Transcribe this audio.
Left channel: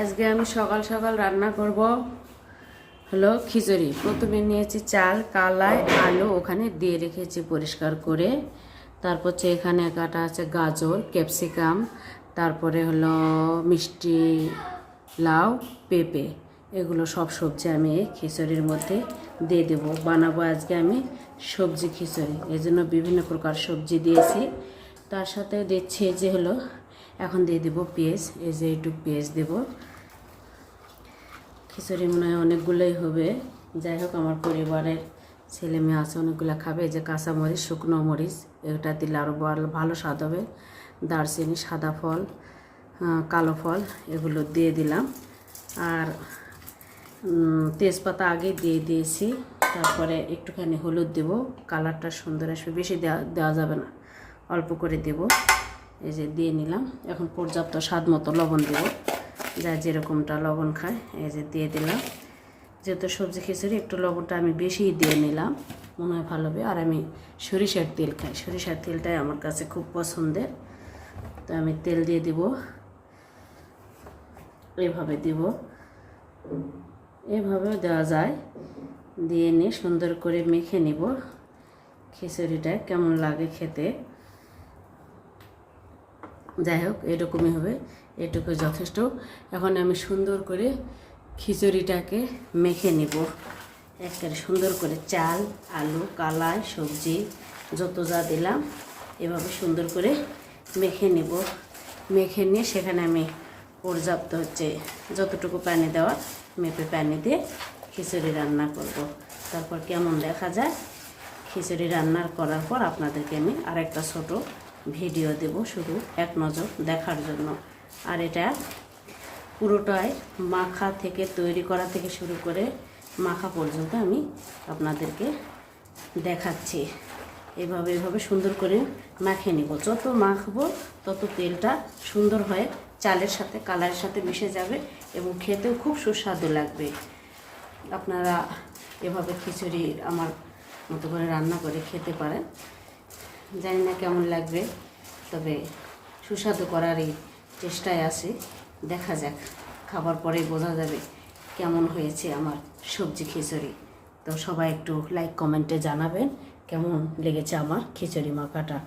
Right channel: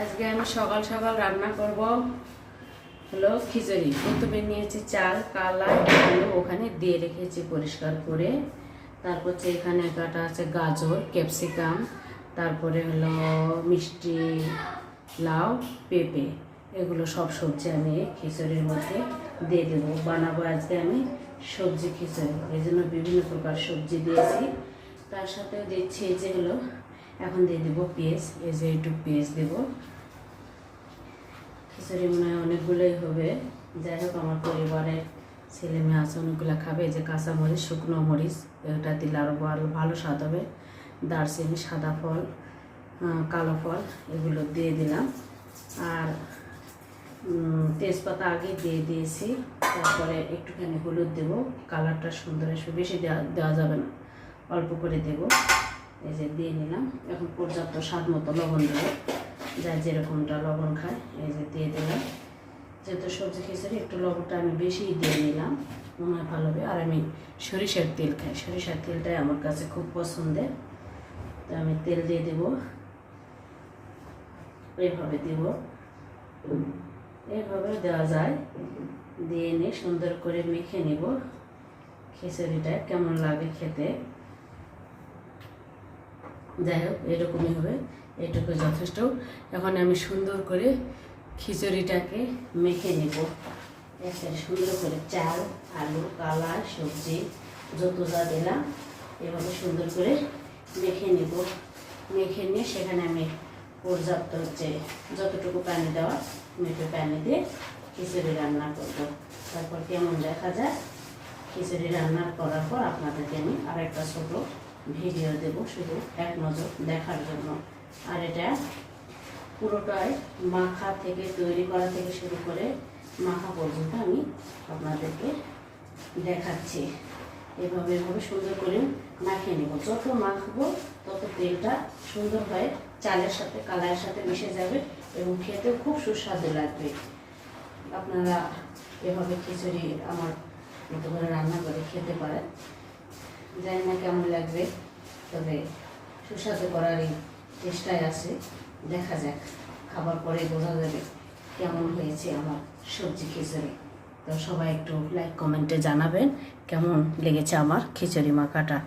আজকে আমি সকাল সকাল রান্না করব হলো খিচুড়ি। প্রথমে নিয়েছি চাল, কালাই, আলু ওখানে দিয়ে রেখেছি পরিষ্কার করে। তারপর এখানে কাটা আছে গাজর, ক্যাপসিকাম, তারপরে হলো মিষ্টি লাউ, পেঁপে, এগুলো সব সবজি আমি এই খিচুড়ির মধ্যে দিয়ে দেবো। বানাবো আজকে আমি সবজি খিচুড়ি, এই জন্য বিভিন্ন প্রকার সবজি দিয়েছি। তার সাথে দিচ্ছি এই যে হলো এখন দিয়ে দেবো পেঁয়াজ, এই যে একটু পেঁয়াজ দেবো। খিচুড়ি মনে হয় অনেকগুলোই হবে, যাই হোক আমার পরিবারের ছেলে মেয়ে আছে অনেকগুলো খাবে। এই যে কাঁচামরিচ, শুকনো মরিচ, এটা দিলে আরও ভালো স্বাদ হবে। দারচিনি, সাদা ফল, কালো ফল এগুলো দিয়ে দিলাম। আর তেজপাতা আগে দিয়ে দিয়েছি। তারপরে একটুখানি হলুদ দেব, কালারটা সুন্দর আসবে। বেশি দেওয়া যাবে না, অল্প করে দেব। এই যে দিয়ে নিলাম। এখন পর্যাপ্ত স্বাদ মতো লবণ দেবো, যা যেরকমটা লবণ খায়। এই যে দিয়ে দিলাম। যেহেতু সবজি খিচুড়ি একটু লবণটা আমি বেশি দিয়ে নিলাম, মনে হয় ভালো হবে। আর আমি সরিষার তেল খাই, সরিষার তেলটাই আমার কাছে খুব পছন্দের। তো আমি তেল দিয়ে দেব, এভাবে দেব, এভাবেও দেওয়া যায়। দিয়ে নিয়ে সুন্দর করে মেখে নেব খিচুড়িটা কেমন লাগে খেতে। যাই হোক এরকমই হবে, এটুকু যথেষ্ট। এখন আমি সুন্দর করে খিচুড়িটাকে মেখে নেব একেবারে সুন্দর করে। চাল, আলু, কালাই, সবজি যত যা দিলাম এভাবে সুন্দর করে মেখে নেব। মেখে নিয়ে সেখানে আমি পর্যাপ্ত যতটুকু পানি দেওয়া মেপে পানি দিয়ে খিচুড়ি রান্না করব। তারপর কেমন দেখা যায় খিচুড়ি রান্না করার পর আপনাদেরকে আমি আরেকটা ছোট ভিডিও দেব, শুধু এক নজর দেখার জন্য। আর এটা পুরোটাই মাখা থেকে তৈরি করা থেকে শুরু করে মাখা পর্যন্ত আমি আপনাদেরকে দেখাচ্ছি। এভাবে সুন্দর করে মাখিয়ে নেব। যত মাখবো তত তেলটা সুন্দর হয়ে চালের সাথে কালাইয়ের সাথে মিশে যাবে এবং খেতেও খুব সুস্বাদু লাগবে। আপনারা এভাবে খিচুড়ি আমার মতো করে রান্না করে খেতে পারেন। জানি না কেমন লাগবে, তবে সুস্বাদু করারই চেষ্টায় আছে। দেখা যাক, খাবার পরে বোঝা যাবে কেমন হয়েছে আমার সবজি খিচুড়ি। তো সবাই একটু লাইক কমেন্টে জানাবেন কেমন লেগেছে আমার খিচুড়ি মাখাটা।